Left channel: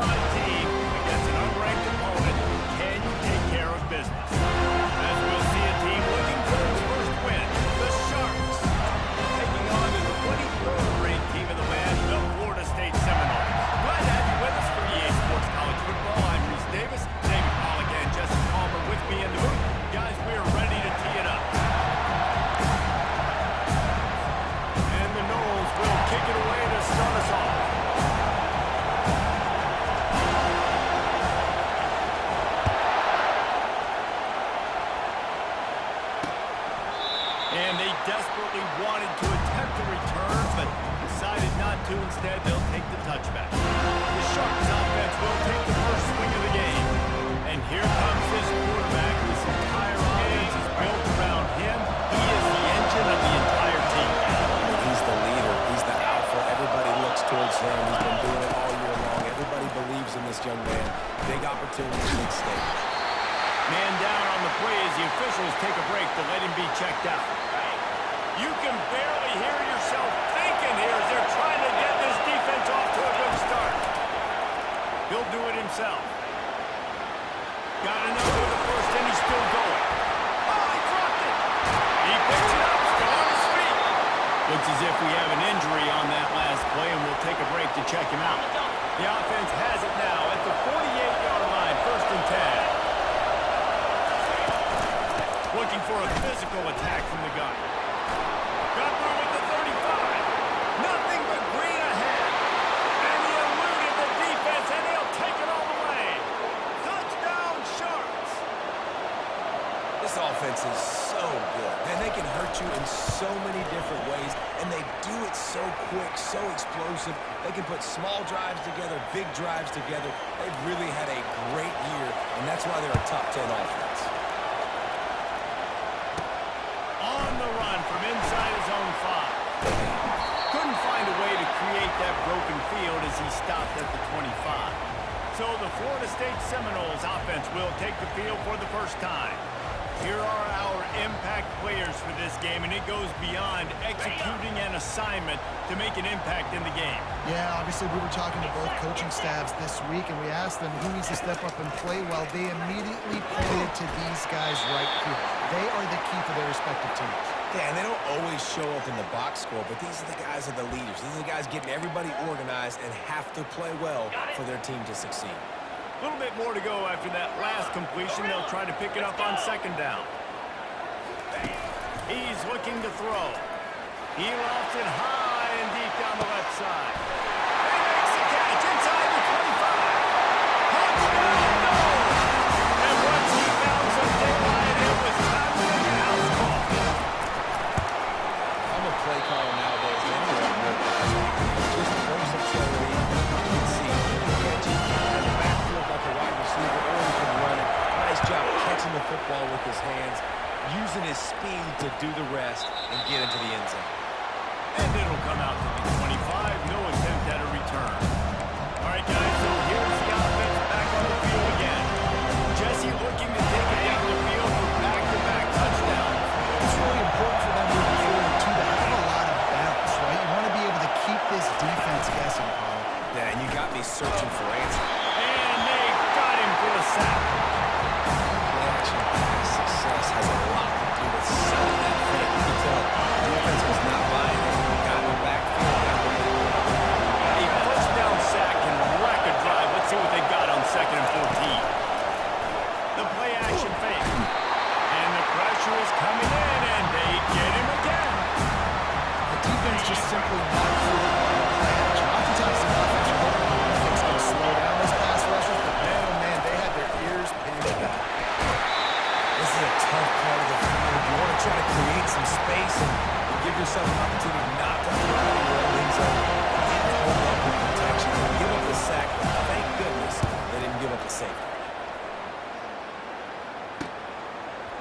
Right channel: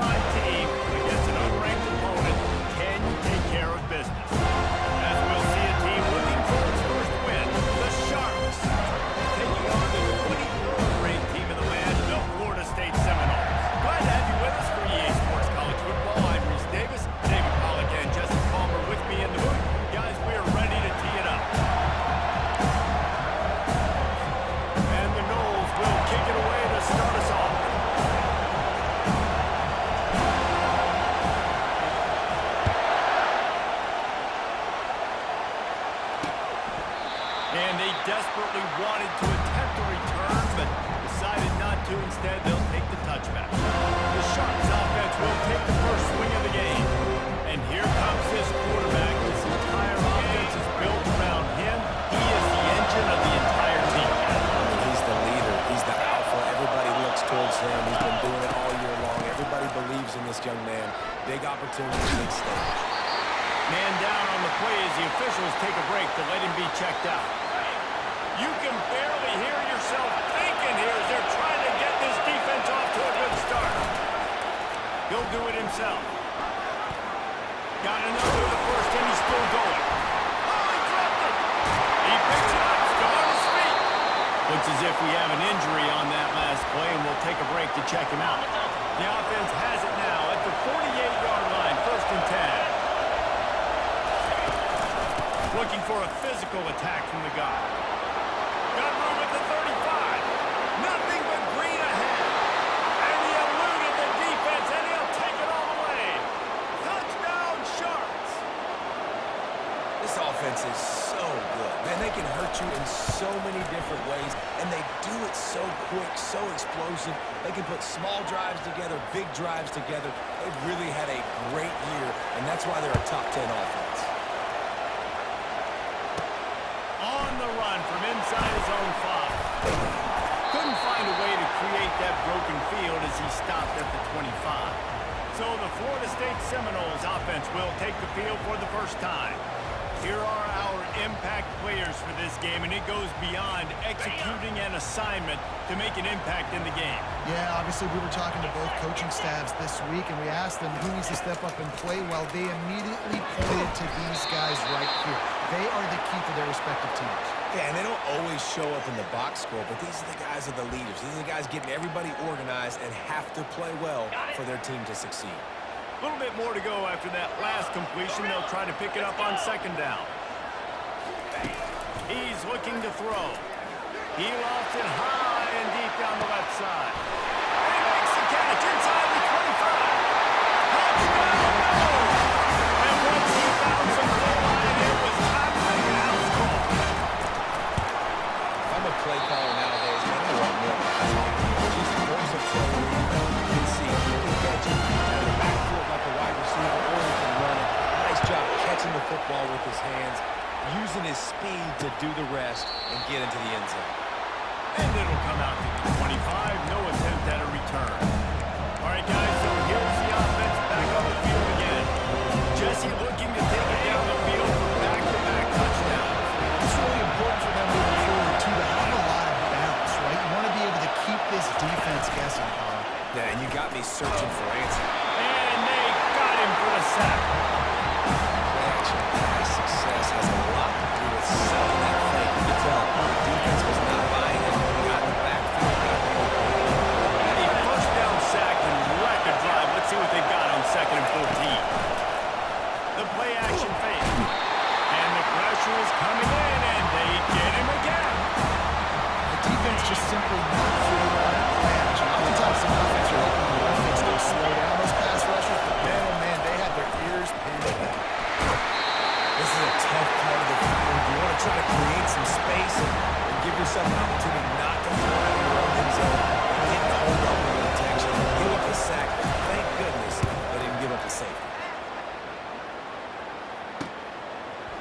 5 team against an unranked opponent. Can you take care of business? As we'll see a team looking for its first win, the Sharks, taking on the 23rd ranked team in the land, the Florida State Seminoles. Glad to have you with us for EA Sports College Football. I'm Reese Davis, David Pollack, and Jesse Palmer with me in the booth. Guys, we are ready to tee it up. And the Noles will kick it away to start us off. And they desperately wanted to attempt a return, but decided not to. Instead, they'll take the touchback. The Sharks offense will take the first swing of the game. And here comes his quarterback. This entire offense is built around him. He is the engine of the entire team. He's the leader. He's the alpha. Everybody looks towards him. He's been doing it all year long. Everybody believes in this young man. Big opportunity, big stage. Man down on the play as the officials take a break to let him be checked out. You can barely hear yourself thinking here as they're trying to get this defense off to a good start. He'll do it himself. Got another to the first, and he's still going. Oh, he dropped it. He picks it up, still on his feet. Looks as if we have an injury on that last play, and we'll take a break to check him out. The offense has it now at the 48-yard line, 1st and 10. Looking for a physical attack from the guy. Got room at the 35. Nothing but green ahead. And he eluded the defense, and he'll take it all the way. Touchdown, Sharks. This offense is so good. Man, they can hurt you in so many different ways, and they do it so quick, so explosive. They can put small drives together, big drives together. They've really had a great year, and that's why they're a top 10 offense. On the run from inside his own 5. Couldn't find a way to create that broken field as he stopped at the 25. So the Florida State Seminoles offense will take the field for the first time. Here are our impact players for this game, and it goes beyond executing an assignment to make an impact in the game. Yeah, obviously we were talking to both coaching staffs this week, and we asked them who needs to step up and play well. They immediately pointed to these guys right here. They are the key for their respective teams. Yeah, and they don't always show up in the box score, but these are the guys that are the leaders. These are the guys getting everybody organized and have to play well for their team to succeed. A little bit more to go after that last completion. They'll try to pick it up on 2nd down. He's looking to throw. He lofts it high and deep down the left side. And he makes the catch inside the 25. Touchdown, no! And once he found some daylight, it was time to make an house call. If I'm a play caller nowadays, man, I want more guys like this. Just versatility. You can see he can catch it out of the backfield like a wide receiver, or he can run it. Nice job catching the football with his hands, using his speed to do the rest and get into the end zone. And it'll come out to the 25. No attempt at a return. All right, guys, so here's the offense back on the field again. Jesse looking to take it down the field for back-to-back touchdowns. It's really important for them moving forward, too, to have a lot of balance, right? You want to be able to keep this defense guessing, Paul. Yeah, and you got me searching for answers. And they got him for the sack. Play-action pass success has a lot to do with selling that fake. You can tell defense was not buying it. Got in the backfield, got the big play. A first down sack can wreck a drive. Let's see what they've got on 2nd and 14. The play-action fake. And the pressure is coming in, and they get him again. The defense just simply not fooled by the play action. Oftentimes the offense are hoping the run fix going to slow down those pass rushers, but man, oh man, they had their ears pinned back. This is a tough part of the field. You want to try to create some space and give yourself an opportunity not to throw out of your own end zone and didn't hold up with protection. They give up the sack, but thank goodness they didn't give up the safety.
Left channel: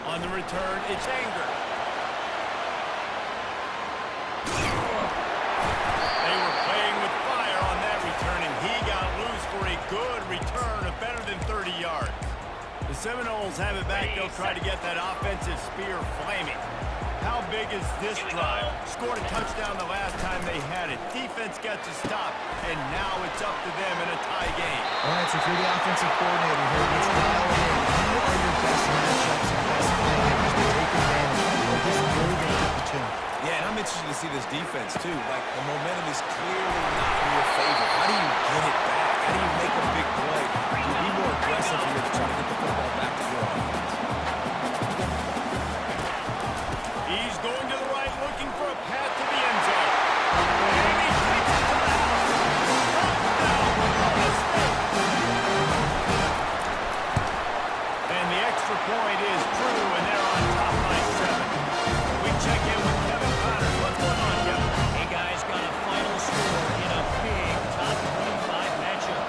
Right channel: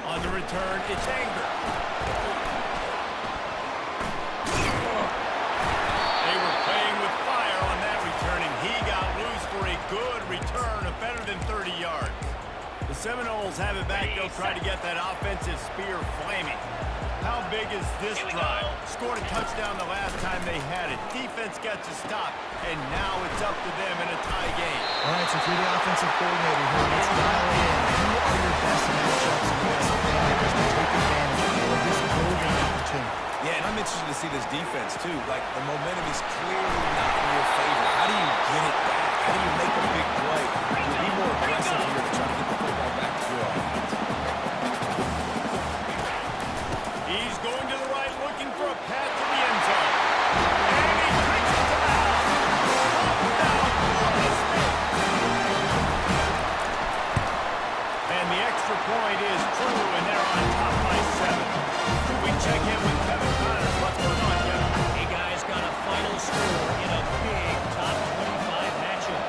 On the return, it's Anger. They were playing with fire on that return, and he got loose for a good return of better than 30 yards. The Seminoles have it back. They'll try to get that offensive spear flaming. How big is this drive? Scored a touchdown the last time they had it. Defense gets a stop, and now it's up to them in a tie game. All right, so if you're the offensive coordinator here, let's dial it in. Who are your best matchups and best playmakers to take advantage of this golden opportunity? Yeah, and I'm interested to see this defense, too. Like, the momentum is clearly not in your favor. How do you get it back? How do you make a big play? To be more aggressive here to try to get the football back to your offense. He's going to the right, looking for a path to the end zone. And he takes it to the house. Touchdown, Florida State. And the extra point is true, and they're on top by 7. We check in with Kevin Connors. What's going on, Kevin? Hey, guys, got a final score in a big top 25 matchup.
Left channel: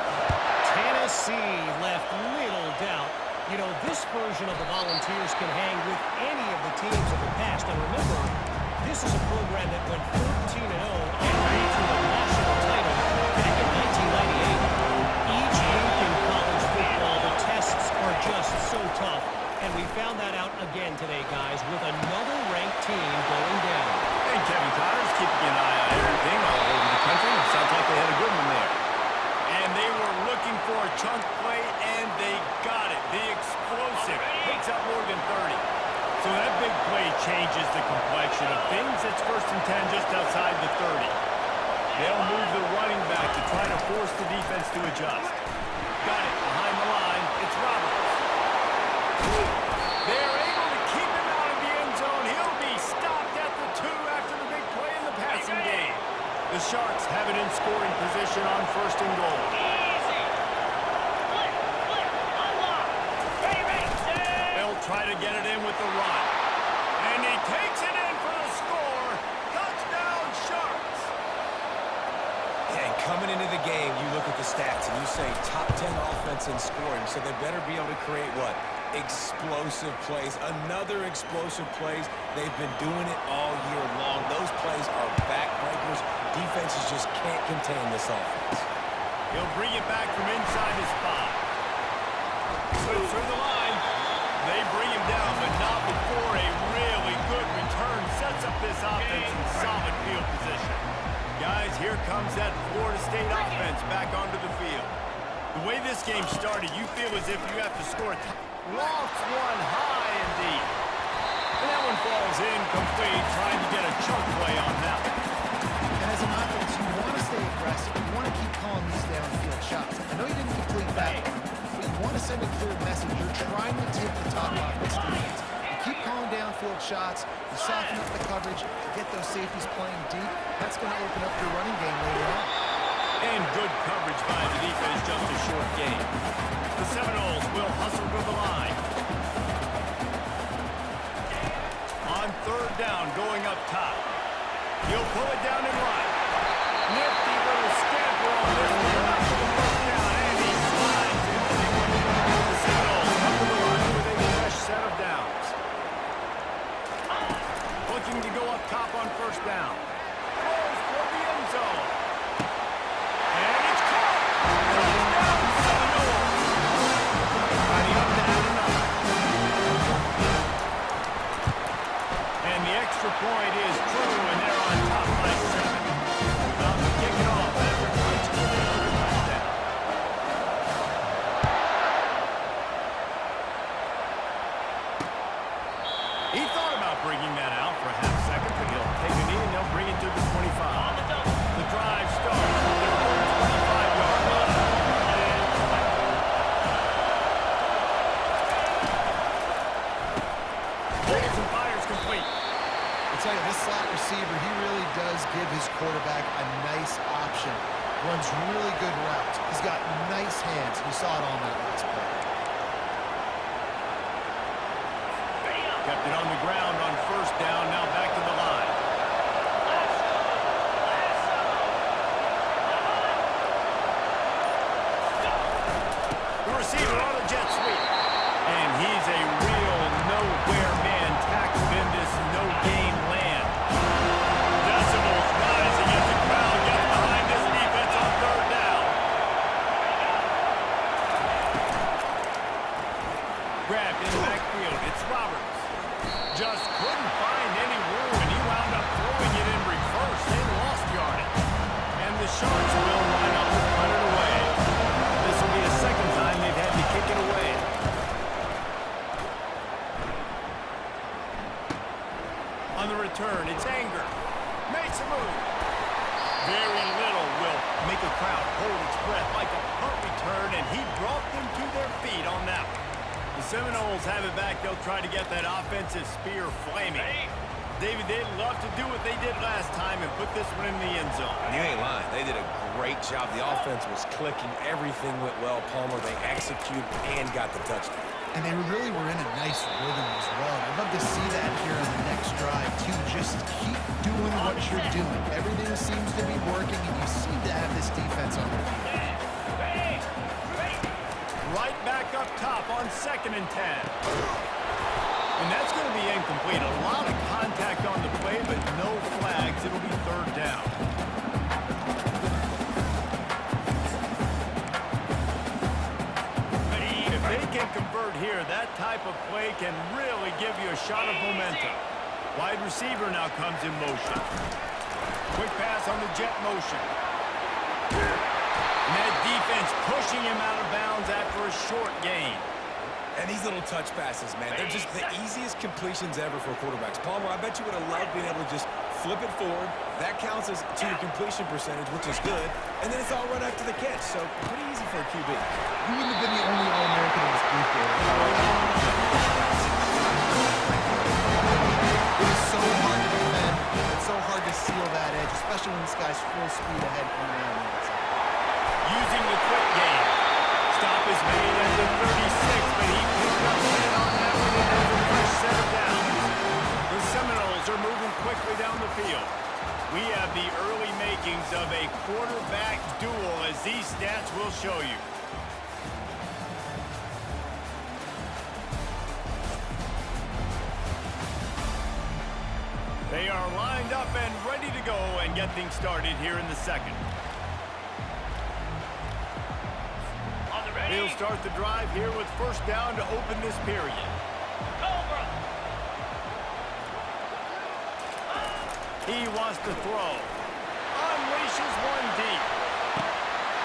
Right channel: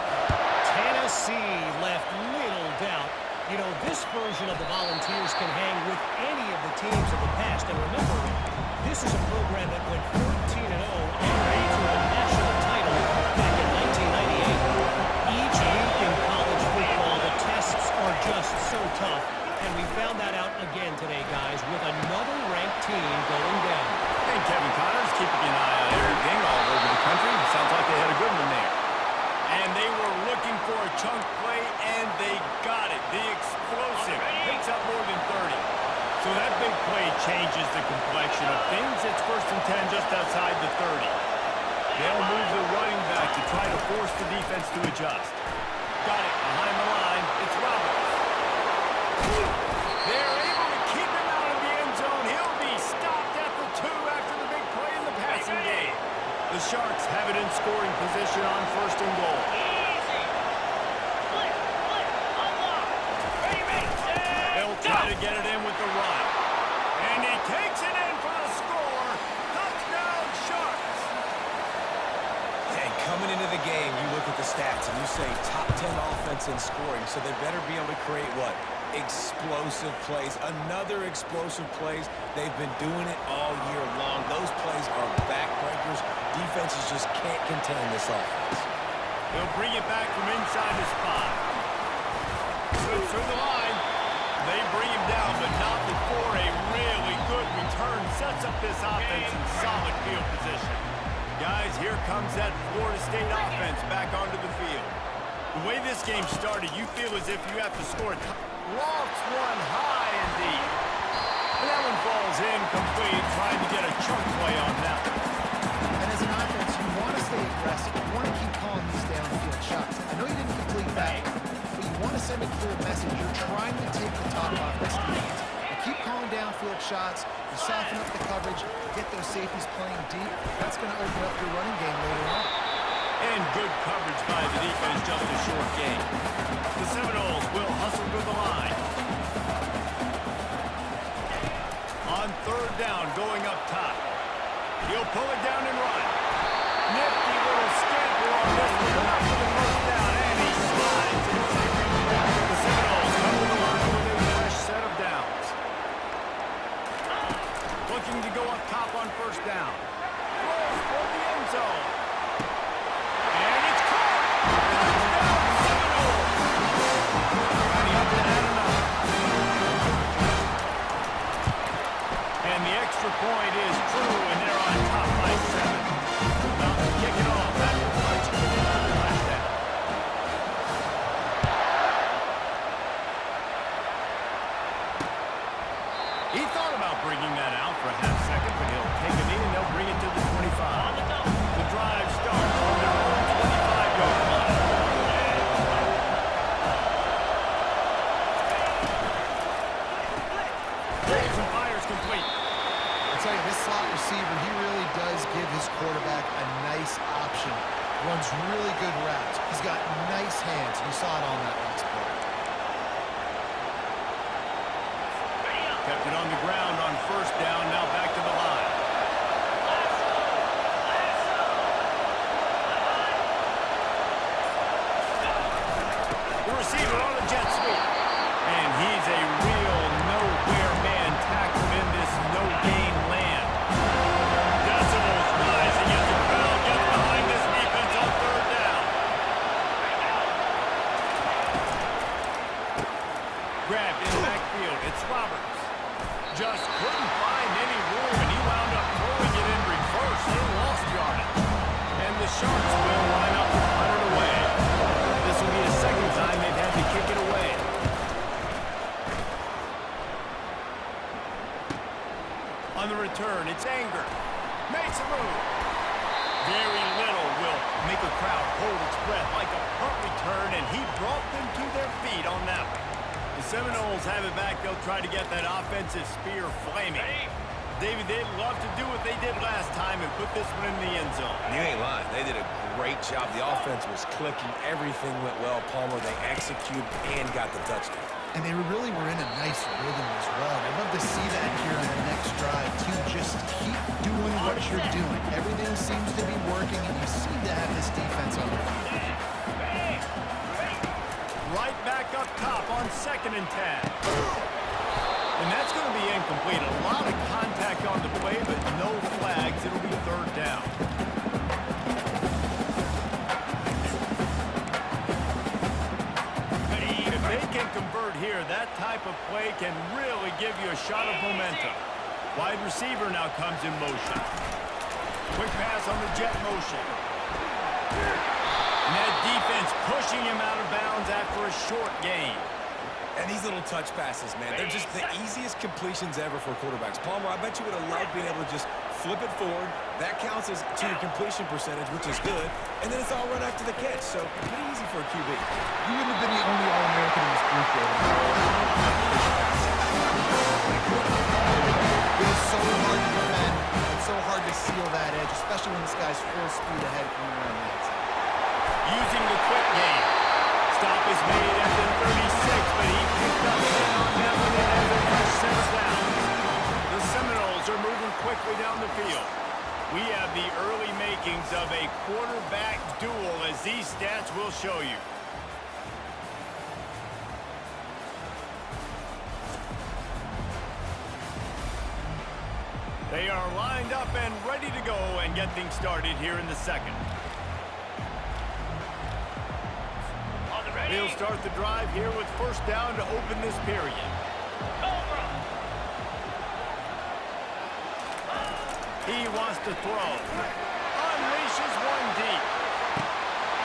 Tennessee left little doubt. You know, this version of the Volunteers can hang with any of the teams of the past. And remember, this is a program that went 13-0 en route to a national title back in 1998. Each week in college football, the tests are just so tough. And we found that out again today, guys, with another ranked team going down. And Kevin Connors keeping an eye on everything all over the country. Sounds like they had a good one there. And they were looking for a chunk play, and they got it. The explosive picks up more than 30. So that big play changes the complexion of things. It's 1st and 10 just outside the 30. They'll move the running back to try to force the defense to adjust. Got it behind the line. It's Roberts. They're able to keep him out of the end zone. He'll be stopped at the 2 after the big play in the passing game. The Sharks have it in scoring position on 1st and goal. Easy. Flip, unlock. Ready, set. They'll try to get it in with the run. And he takes it in for the score. Touchdown, Sharks. And coming into the game, you look at the stats and you say top 10 offense in scoring, so they better be able to create what? Explosive plays. Another explosive plays. They've been doing it all year long. Those plays are backbreakers. Defenses just can't contain this offense. He'll bring it back from inside his 5. Slips through the line. They bring him down, but not before a really good return sets up this offense in solid field position. Guys, here comes that Florida State offense back onto the field. The way this game started, you feel as if you have to score a lofts one high and deep. And that one falls incomplete, trying to get a chunk play on that one. And as an offense, you want to stay aggressive. You want to keep calling these downfield shots. I know you didn't complete that one, but you want to send a clear message. You're trying to take the top off this defense. You keep calling downfield shots. You soften up the coverage. You get those safeties playing deep. That's going to open up your running game later on. And good coverage by the defense, just a short game. The Seminoles will hustle to the line. On 3rd down, going up top. He'll pull it down and run. Nifty little scamper on this one. Enough for the 1st down, and he slides in safely. The Seminoles come to the line with a fresh set of downs. Looking to go up top on 1st down. Throws for the end zone. And it's caught! Touchdown, Seminoles! Lining up to add another. And the extra point is true, and they're on top by 7. About to kick it off after punching it in for the touchdown. He thought about bringing that out for a half second, but he'll take a knee and they'll bring it to the 25. The drive starts from their own 25-yard line. Rolls and fires complete. I'll tell you, this slot receiver, he really does give his quarterback a nice option. Runs really good routes. He's got nice hands. You saw it on that last play. Kept it on the ground on 1st down, now back to the line. The receiver on a jet sweep. And he's a real nowhere man tackled in this no-gain land. Decibels rising as the crowd gets behind this defense on 3rd down. Grabbed in the backfield. It's Roberts. Just couldn't find any room, and he wound up throwing it in reverse. They lost yardage. And the Sharks will line up to punt it away. This will be a to kick it away. On the return, it's Anger. Makes a move. Very little will make a crowd hold its breath like a punt return, and he brought them to their feet on that one. The Seminoles have it back. They'll try to get that offensive spear flaming. David, they'd love to do what they did last time and put this one in the end zone. You ain't lying. They did a great job. The offense was clicking. Everything went well. Palmer, they executed and got the touchdown. And they really were in a nice rhythm as well. And I'd love to see that here on the next drive, too. Just keep doing what you're doing. Everything seems to be working, and you seem to have this defense on their heels. Right back up top on 2nd and 10. And that's going to be incomplete. A lot of contact on the play, but no flags. It'll be 3rd down. If they can convert here, that type of play can really give you a shot of momentum. Wide receiver now comes in motion. Quick pass on the jet motion. And that defense pushing him out of bounds after a short gain. And these little touch passes, man, they're just the easiest completions ever for quarterbacks. Palmer, I bet you would have loved being able to just flip it forward. That counts as to your completion percentage, which is good. And then it's all run after the catch, so pretty easy for a QB. You wouldn't have been the only All-American in this booth, David. It is so hard to defend. It's so hard to seal that edge, especially when this guy's full speed ahead coming around the outside. Using the quick game. Stop is made at the 36, but he picked up 10 on that one and has a fresh set of downs. The Seminoles are moving quickly down the field. We have the early makings of a quarterback duel, as these stats will show you. They are lined up and ready to go and get things started here in the 2nd. He'll start the drive here with 1st down to open this period. Cobra. He wants to throw. Unleashes one deep.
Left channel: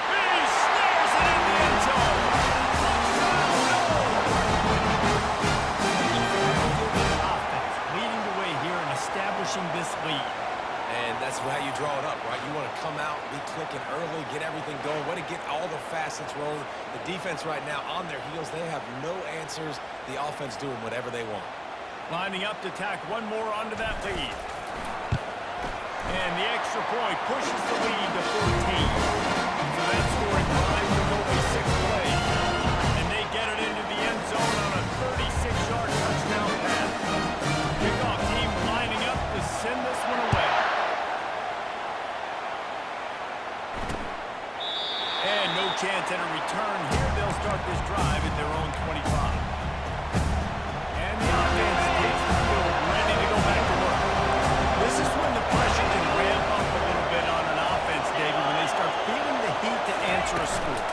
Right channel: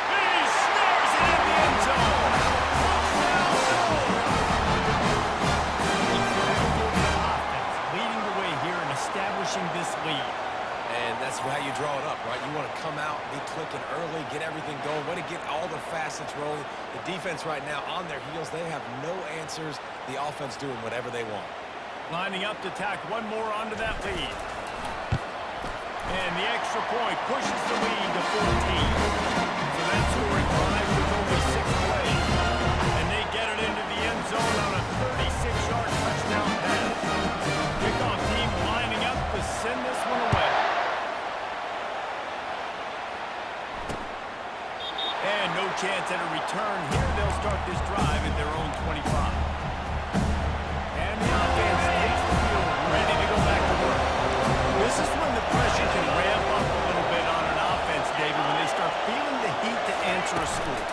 He snares it in the end zone. Touchdown, Noles! Effective offense leading the way here and establishing this lead. And that's how you draw it up, right? You want to come out, be clicking early, get everything going, want to get all the facets rolling. The defense right now on their heels, they have no answers. The offense doing whatever they want. Lining up to tack one more onto that lead. And the extra point pushes the lead to 14. So that scoring drive took only 6 plays. And they get it into the end zone on a 36-yard touchdown pass. Kickoff team lining up to send this one away. And no chance at a return here. They'll start this drive at their own 25. And the offense takes the field, ready to go back to work. This is when the pressure can ramp up a little bit on an offense, David, when they start feeling the heat to answer a score.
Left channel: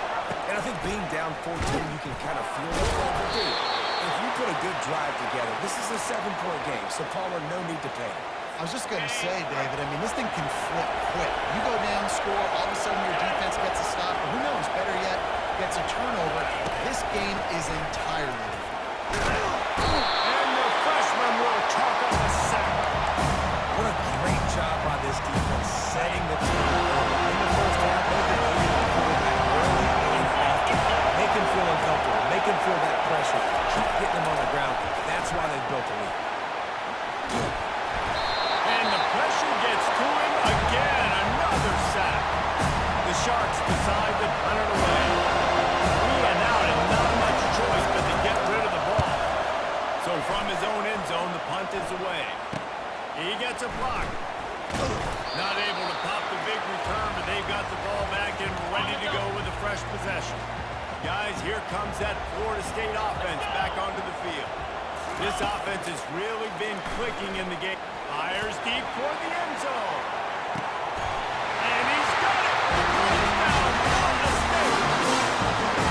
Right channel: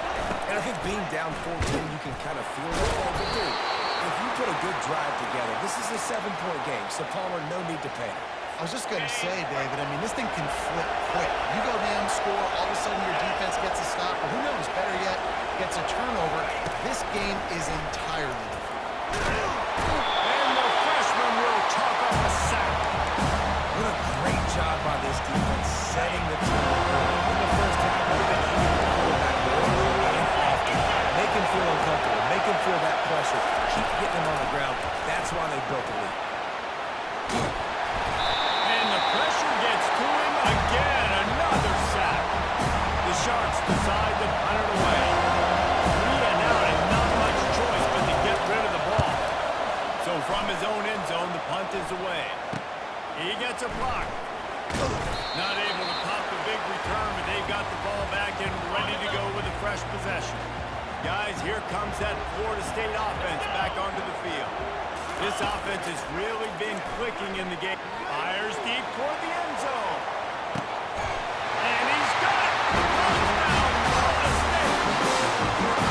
And I think being down 14, you can kind of feel it. But dude, if you put a good drive together, this is a 7-point game, so Palmer, no need to panic. I was just going to say, David, I mean, this thing can flip quick. You go down, score, all of a sudden your defense gets a stop, or who knows, better yet, gets a turnover. This game is entirely different. And the freshman will chalk up a sack. What a great job by this defense setting the tone early. In the first half, they've been hitting the quarterback early and often. Make him feel uncomfortable. Make him feel that pressure. Keep getting him on the ground. That's why they built the lead. And the pressure gets to him again. Another sack. The Sharks decide to punt it away. 3 and out and not much choice but to get rid of the ball. So from his own end zone, the punt is away. He gets a block. Not able to pop the big return, but they've got the ball back and ready to go with a fresh possession. Guys, here comes that Florida State offense back onto the field. This offense has really been clicking in the game. Fires deep toward the end zone. And he's got it! Touchdown, Florida State!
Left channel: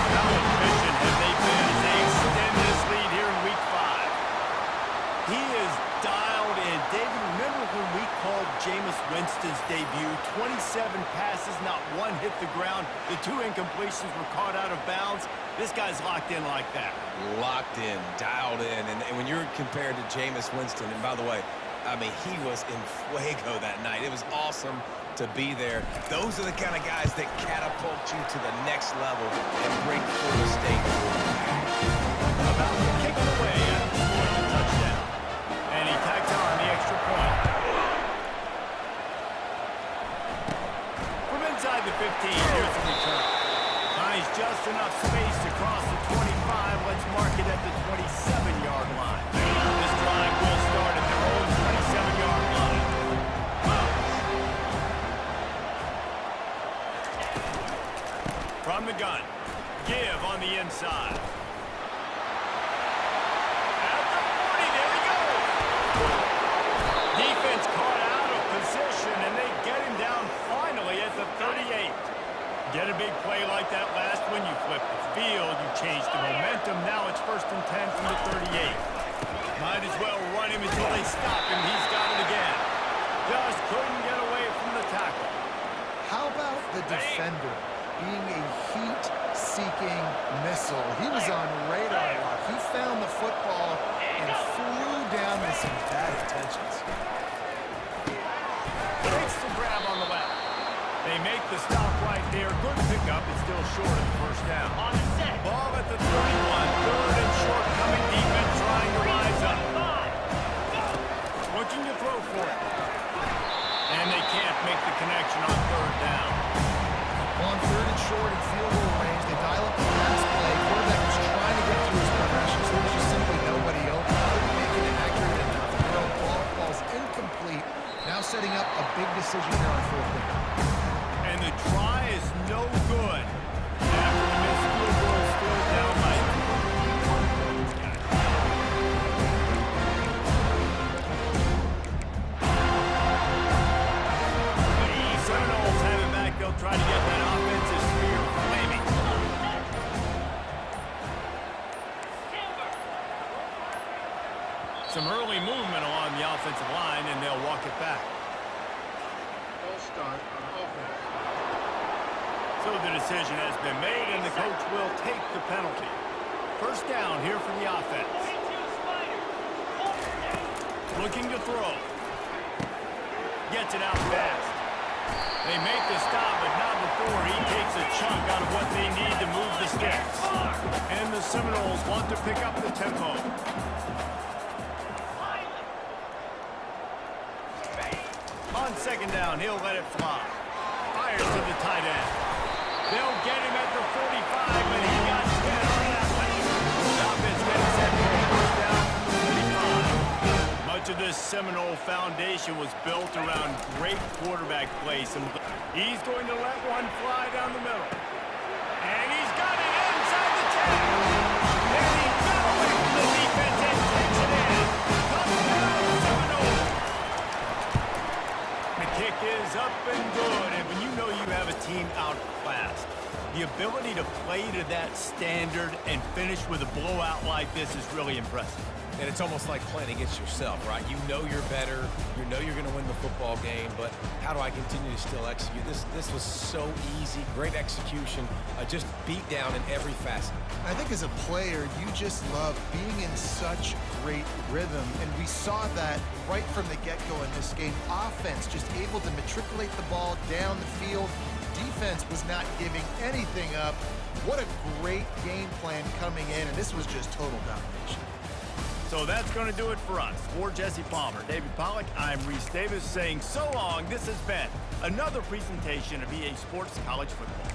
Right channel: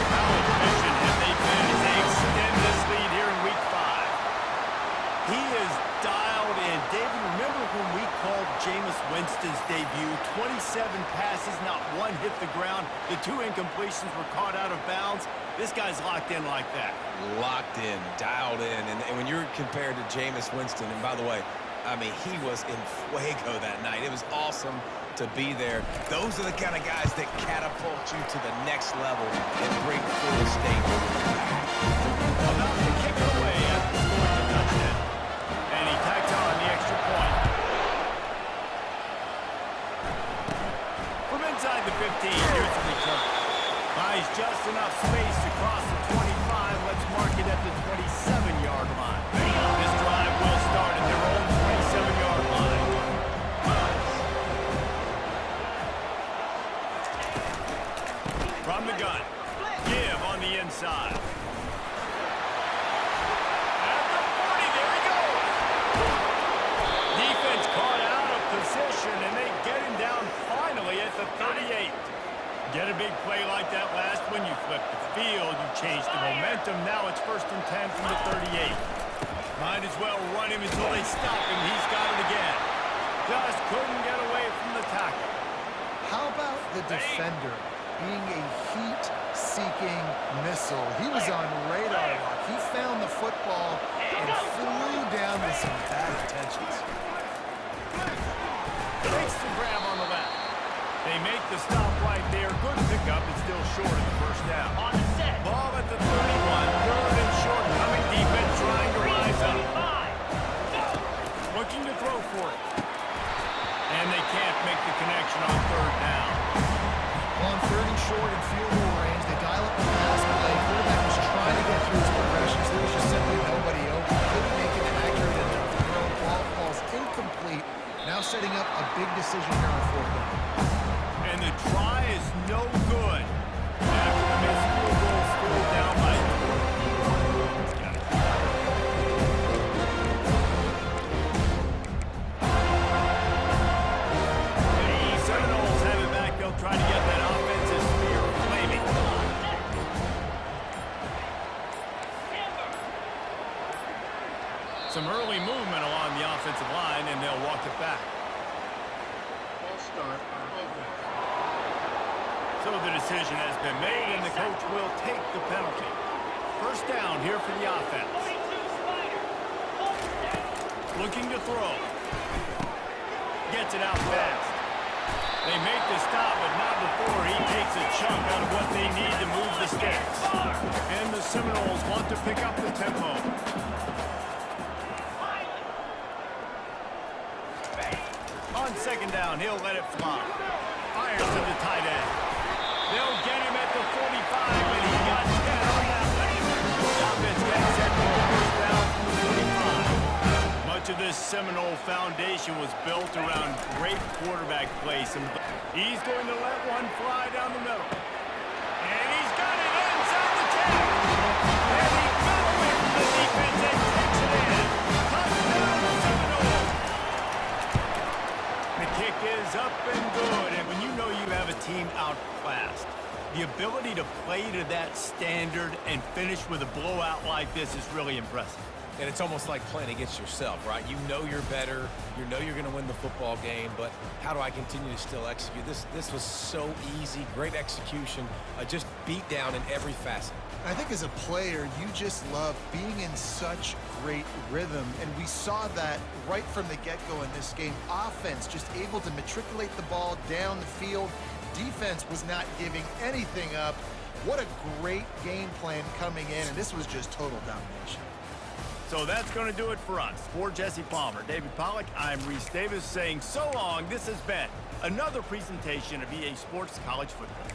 How efficient have they been as they extend this lead here in Week 5? He is dialed in. David, remember when we called Jameis Winston's debut 27 pass passes, not one hit the ground. The 2 incompletions were caught out of bounds. This guy's locked in like that. Locked in, dialed in. And when you're compared to Jameis Winston, and by the way, I mean, he was in fuego that night. It was awesome to be there. Those are the kind of guys that catapult you to the next level and bring Florida State back. About to kick it away after scoring the touchdown. And he tacked on the extra point. From inside the 15, here's the return. Finds just enough space to cross the 25. Let's mark it at the 27-yard line. This drive will start at their own 27-yard line. From the gun. Give on the inside. At the 40, there he goes. Defense caught out of position, and they get him down finally at the 38. Get a big play like that last one, you flip the field, you change the momentum. Now it's 1st and 10 from the 38. Might as well run him until they stop him. He's got it again. Just couldn't get away from the tackle. How about the defender being a heat-seeking missile? He was on radar lock. He found the football and flew down with some bad intentions. Makes the grab on the left. They make the stop right there. Good pickup. It's still short of the 1st down. On the set. Ball at the 31. 3rd and short. Coming defense trying to rise up. Looking to throw for it. And they can't make the connection on 3rd down. On 3rd and short and field goal range, they dial up the pass play. Quarterback was trying to get through his progressions. There was just simply nobody open. Couldn't make it accurate enough. Throw ball falls incomplete. Now setting up a big decision here on 4th down. And the try is no good. After the missed field goal, still down by 21 points, guys. The Seminoles have it back. They'll try to get that offensive spear flaming. Some early movement along the offensive line, and they'll walk it back. False start on offense. So the decision has been made, and the coach will take the penalty. 1st down here for the offense. 42 Spider. Looking to throw. Gets it out fast. They make the stop, but not before he takes a chunk out of what they need to move the sticks. And the Seminoles want to pick up the tempo. On 2nd down, he'll let it fly. Fires to the tight end. They'll get him at the 45, but he got 10 on that one. The offense getting set for a 1st down from the 45. Much of this Seminole foundation was built around great quarterback play. He's going to let one fly down the middle. And he's got it inside the 10. And he got away from the defense and takes it in. Touchdown, Seminole. The kick is up and good, and when you know you have a team outclassed, the ability to play to that standard and finish with a blowout like this is really impressive. And it's almost like playing against yourself, right? You know you're better. You know you're going to win the football game, but how do I continue to still execute? This was so easy, great execution, just beat down in every facet. I think as a player, you just love being in such great rhythm, and we saw that right from the get-go in this game. Offense just able to matriculate the ball down the field. Defense was not giving anything up. What a great game plan coming in, and this was just total domination. So that's going to do it for us. For Jesse Palmer, David Pollack, I'm Reese Davis saying so long. This has been another presentation of EA Sports College Football.